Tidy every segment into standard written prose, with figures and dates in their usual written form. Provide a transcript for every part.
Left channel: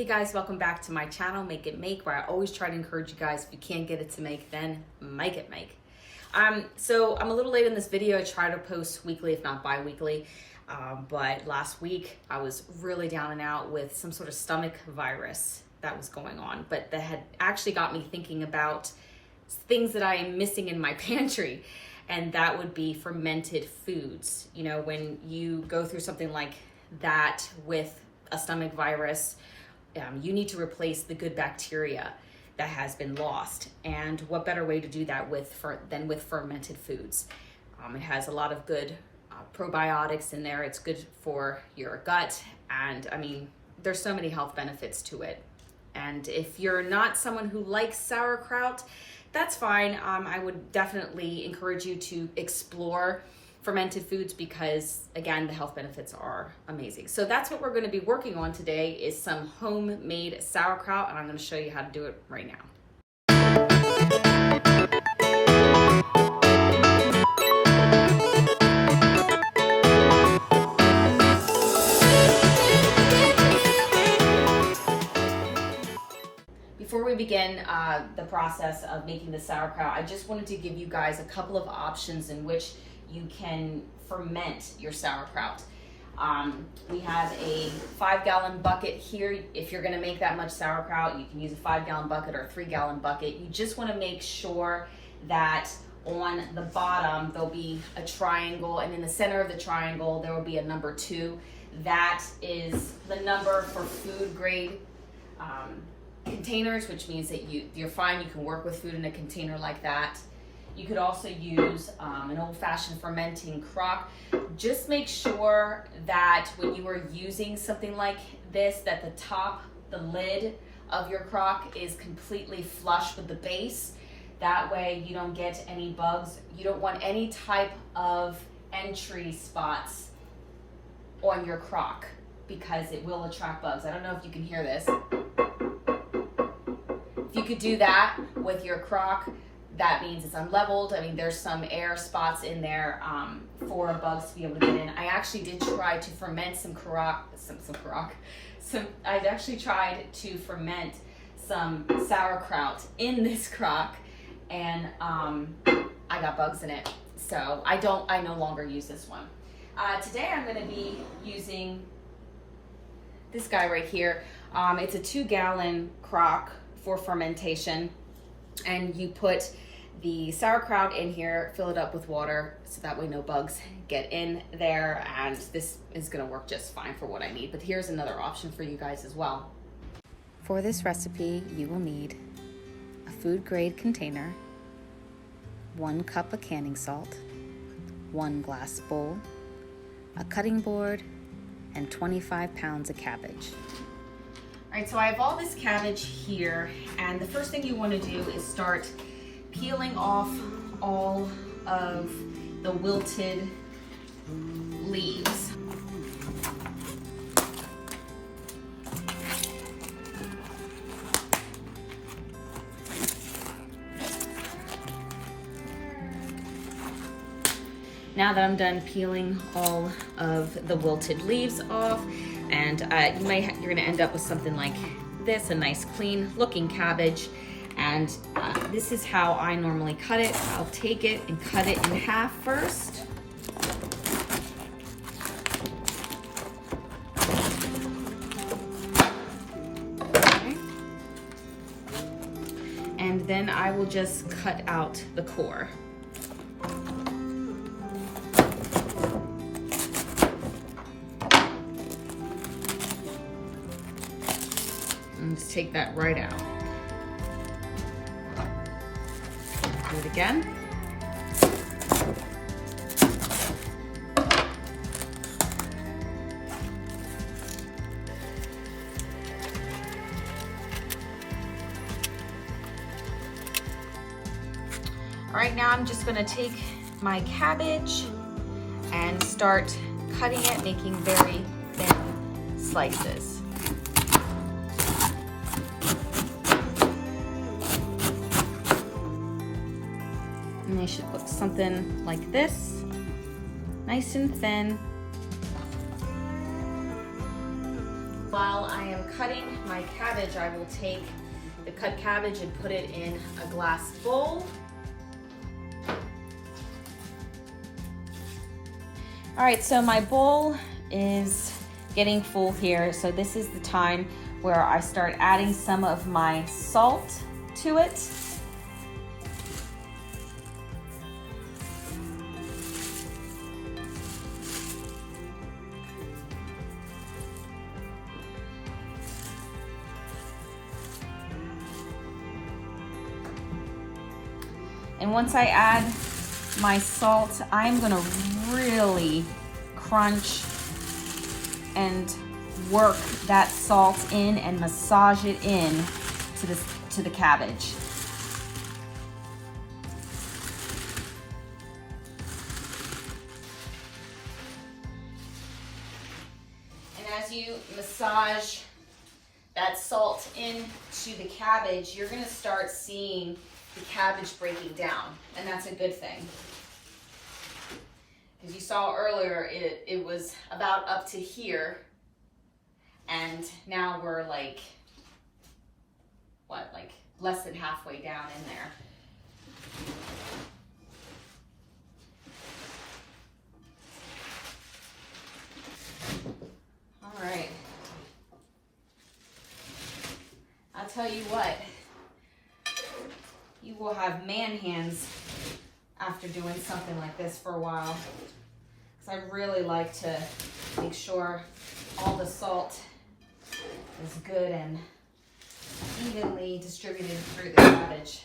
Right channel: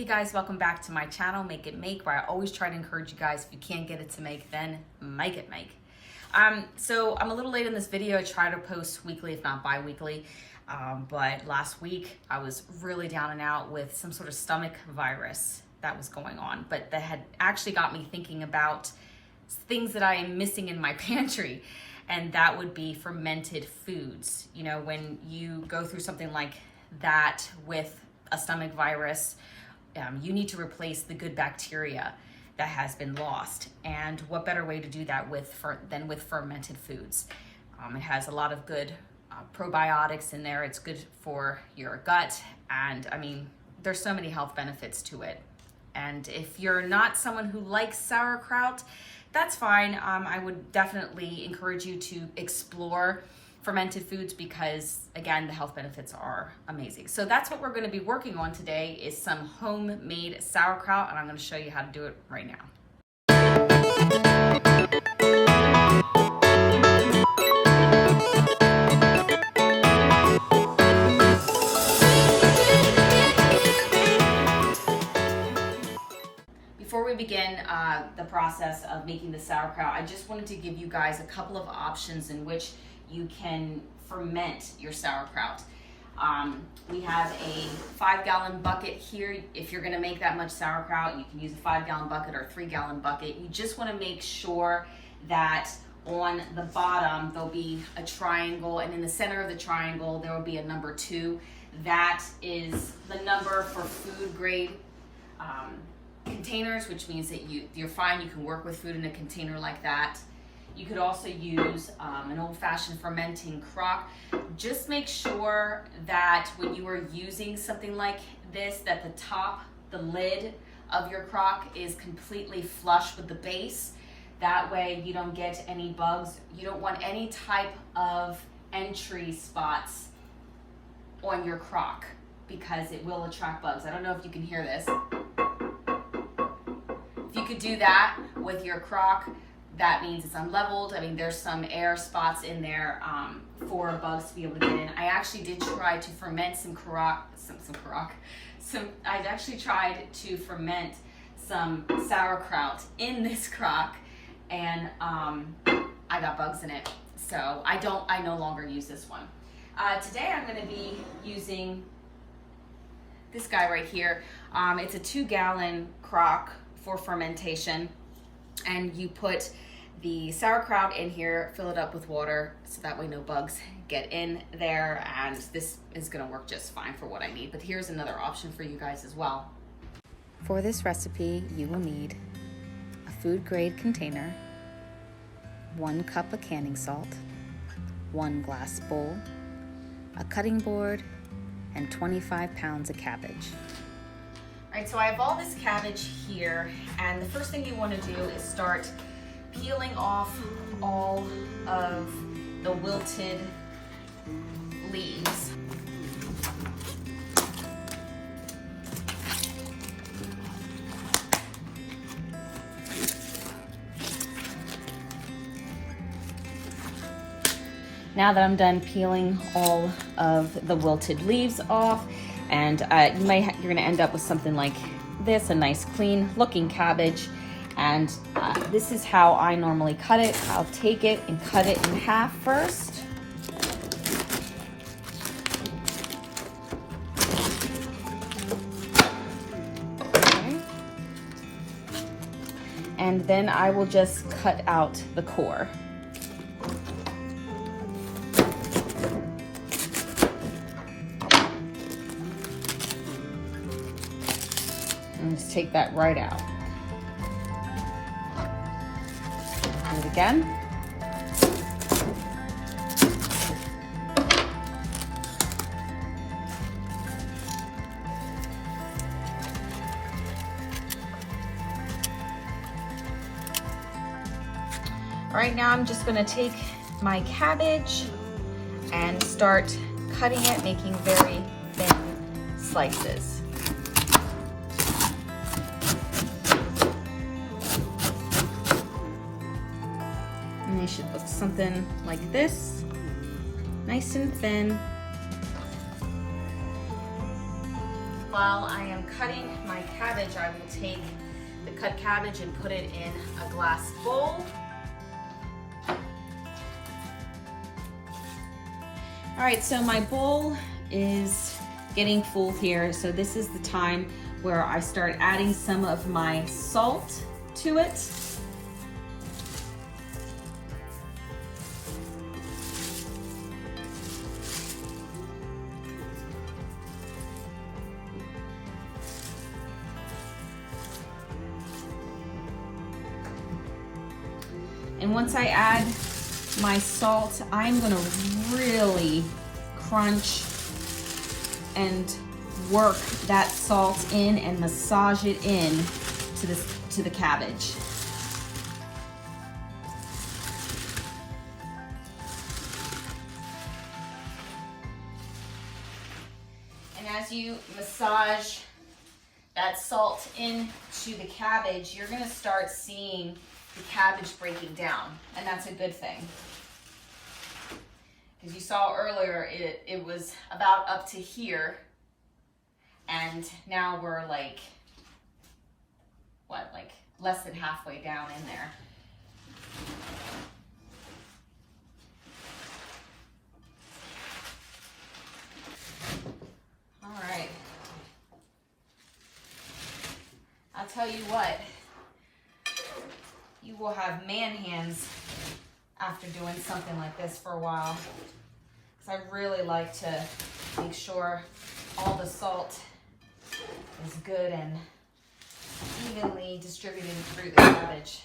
Hey guys, welcome back to my channel, Make It Make, where I always try to encourage you guys, if you can't get it to make, then make it make. So I'm a little late in this video. I try to post weekly, if not bi-weekly, but last week I was really down and out with some sort of stomach virus that was going on, but that had actually got me thinking about things that I am missing in my pantry, and that would be fermented foods. You know, when you go through something like that with a stomach virus, you need to replace the good bacteria that has been lost. And what better way to do that than with fermented foods? It has a lot of good probiotics in there. It's good for your gut. And I mean, there's so many health benefits to it. And if you're not someone who likes sauerkraut, that's fine. I would definitely encourage you to explore fermented foods because, again, the health benefits are amazing. So that's what we're going to be working on today, is some homemade sauerkraut, and I'm going to show you how to do it right now. Before we begin the process of making the sauerkraut, I just wanted to give you guys a couple of options in which you can ferment your sauerkraut. We have a 5-gallon bucket here. If you're gonna make that much sauerkraut, you can use a 5-gallon bucket or a 3-gallon bucket. You just wanna make sure that on the bottom, there'll be a triangle, and in the center of the triangle, there will be a number 2. That is the number for food grade containers, which means that you're fine. You can work with food in a container like that. You could also use an old-fashioned fermenting crock. Just make sure that when you are using something like this, that the top, the lid of your crock is completely flush with the base. That way you don't get any bugs. You don't want any type of entry spots on your crock because it will attract bugs. I don't know if you can hear this. If you could do that with your crock, that means it's unleveled. I mean, there's some air spots in there for bugs to be able to get in. I actually did try to ferment I've actually tried to ferment some sauerkraut in this crock, and I got bugs in it. So I no longer use this one. Today I'm gonna be using this guy right here. It's a 2-gallon crock for fermentation, and you put the sauerkraut in here, fill it up with water so that way no bugs get in there, and this is gonna work just fine for what I need. But here's another option for you guys as well. For this recipe, you will need a food grade container, 1 cup of canning salt, 1 glass bowl, a cutting board, and 25 pounds of cabbage. All right, so I have all this cabbage here, and the first thing you want to do is start peeling off all of the wilted leaves. Now that I'm done peeling all of the wilted leaves off, and you're gonna end up with something like this, a nice clean looking cabbage. And this is how I normally cut it. I'll take it and cut it in half first. Okay. And then I will just cut out the core. And just take that right out. Do it again. All right, now I'm just gonna take my cabbage and start cutting it, making very thin slices. And they should look something like this, nice and thin. While I am cutting my cabbage, I will take the cut cabbage and put it in a glass bowl. All right, so my bowl is getting full here. So this is the time where I start adding some of my salt to it. And once I add my salt, I'm gonna really crunch and work that salt in and massage it in to the cabbage. And as you massage that salt into the cabbage, you're gonna start seeing the cabbage breaking down, and that's a good thing. Because you saw earlier, it was about up to here, and now we're like, what, like less than halfway down in there. All right. I'll tell you what, you will have man hands after doing something like this for a while. Because I really like to make sure all the salt is good and evenly distributed through the cabbage.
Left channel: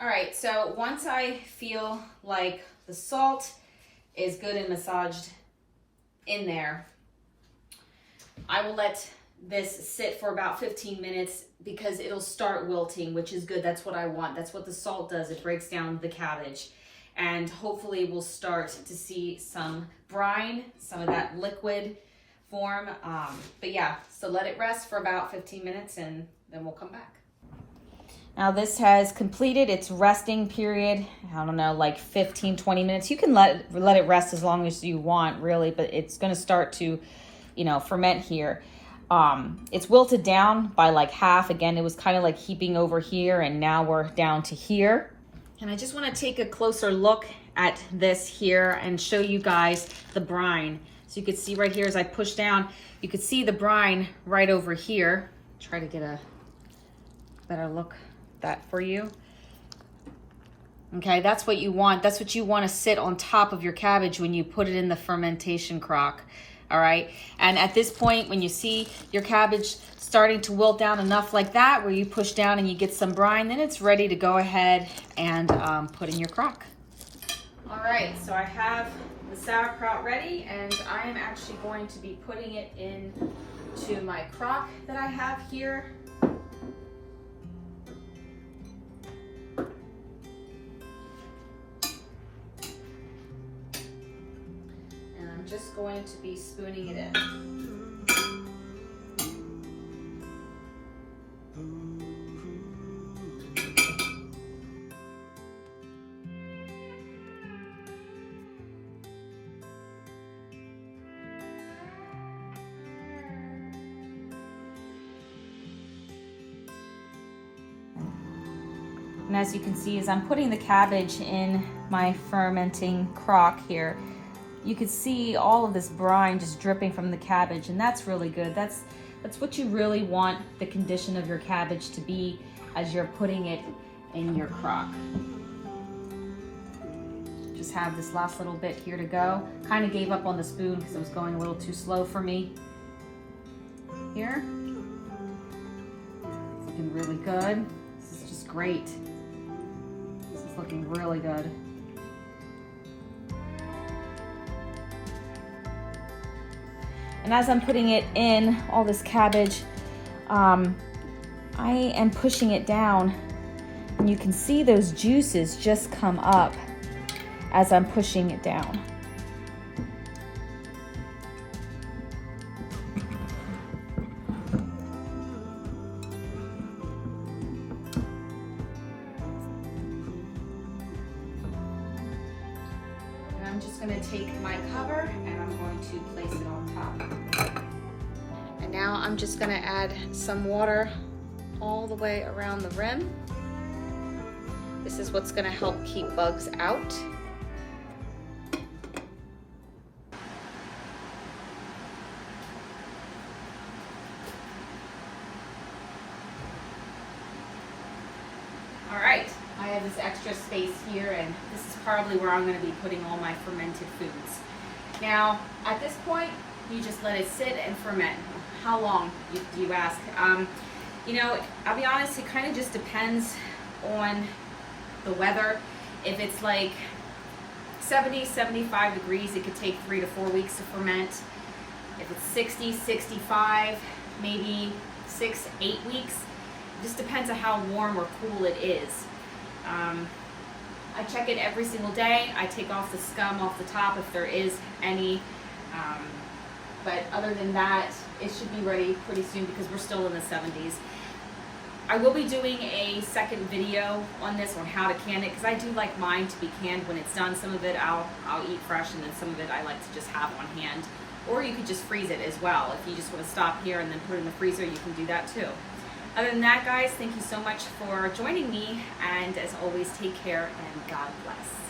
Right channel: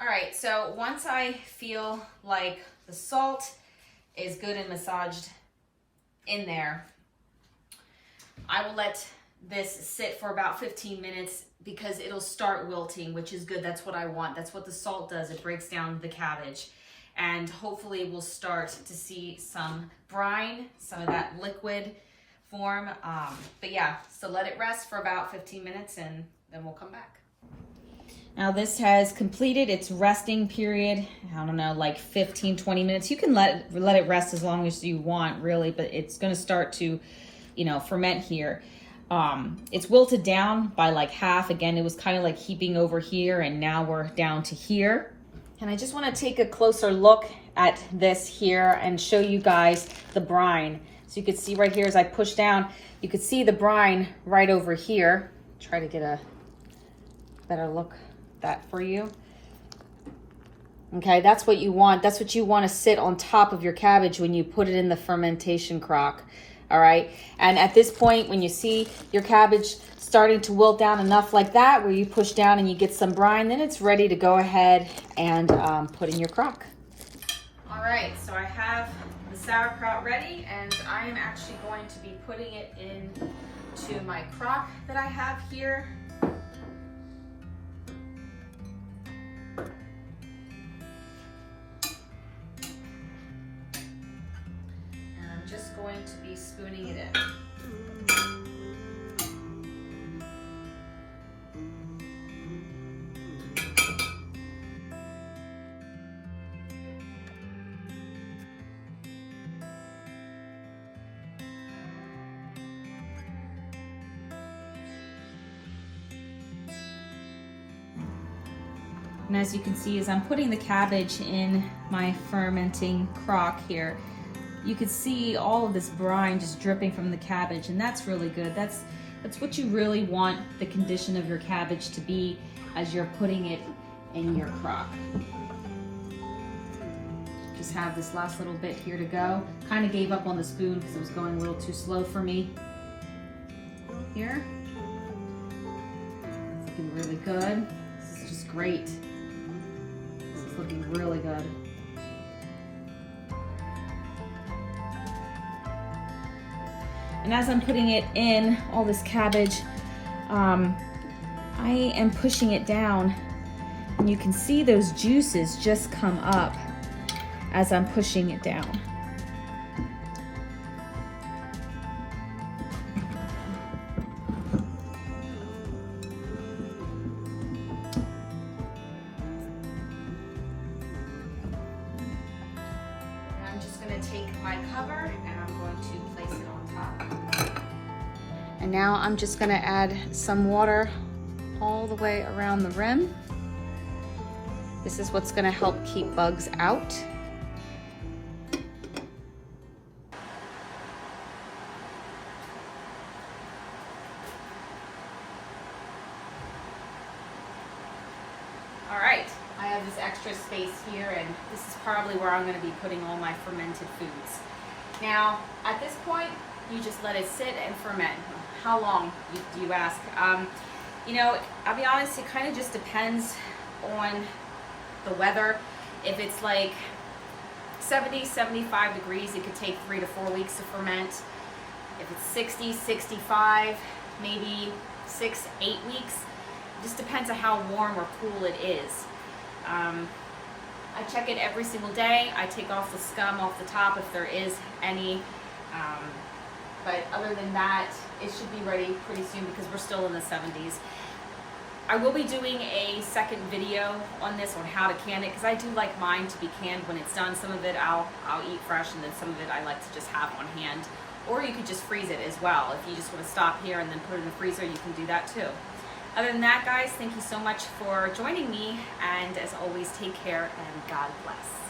All right, so once I feel like the salt is good and massaged in there, I will let this sit for about 15 minutes because it'll start wilting, which is good. That's what I want. That's what the salt does. It breaks down the cabbage. And hopefully we'll start to see some brine, some of that liquid form. But yeah, so let it rest for about 15 minutes and then we'll come back. Now this has completed its resting period. I don't know, like 15, 20 minutes. You can let it rest as long as you want, really, but it's gonna start to, ferment here. It's wilted down by like half. Again, it was kind of like heaping over here, and now we're down to here. And I just want to take a closer look at this here and show you guys the brine. So you can see right here as I push down, you can see the brine right over here. Try to get a better look at that for you. Okay, that's what you want. That's what you want to sit on top of your cabbage when you put it in the fermentation crock. All right, and at this point, when you see your cabbage starting to wilt down enough like that, where you push down and you get some brine, then it's ready to go ahead and put in your crock. All right, so I have the sauerkraut ready, and I am actually going to be putting it into my crock that I have here. Just going to be spooning it in. And as you can see, as I'm putting the cabbage in my fermenting crock here, you can see all of this brine just dripping from the cabbage, and that's really good. That's what you really want the condition of your cabbage to be as you're putting it in your crock. Just have this last little bit here to go. Kind of gave up on the spoon because it was going a little too slow for me. Here. It's looking really good. This is just great. This is looking really good. And as I'm putting it in, all this cabbage, I am pushing it down, and you can see those juices just come up as I'm pushing it down. And I'm just going to take my cover and I'm going to place it on top. And now I'm just gonna add some water all the way around the rim. This is what's gonna help keep bugs out. All right, I have this extra space here, and this is probably where I'm going to be putting all my fermented foods. Now, at this point, you just let it sit and ferment. How long, do you ask? You know, I'll be honest, it kind of just depends on the weather. If it's like 70, 75 degrees, it could take 3 to 4 weeks to ferment. If it's 60, 65, maybe 6, 8 weeks. It just depends on how warm or cool it is. I check it every single day. I take off the scum off the top if there is any. But other than that, it should be ready pretty soon because we're still in the 70s. I will be doing a second video on this, on how to can it, because I do like mine to be canned when it's done. Some of it I'll eat fresh, and then some of it I like to just have on hand. Or you could just freeze it as well. If you just want to stop here and then put it in the freezer, you can do that too. Other than that, guys, thank you so much for joining me, and as always, take care and God bless.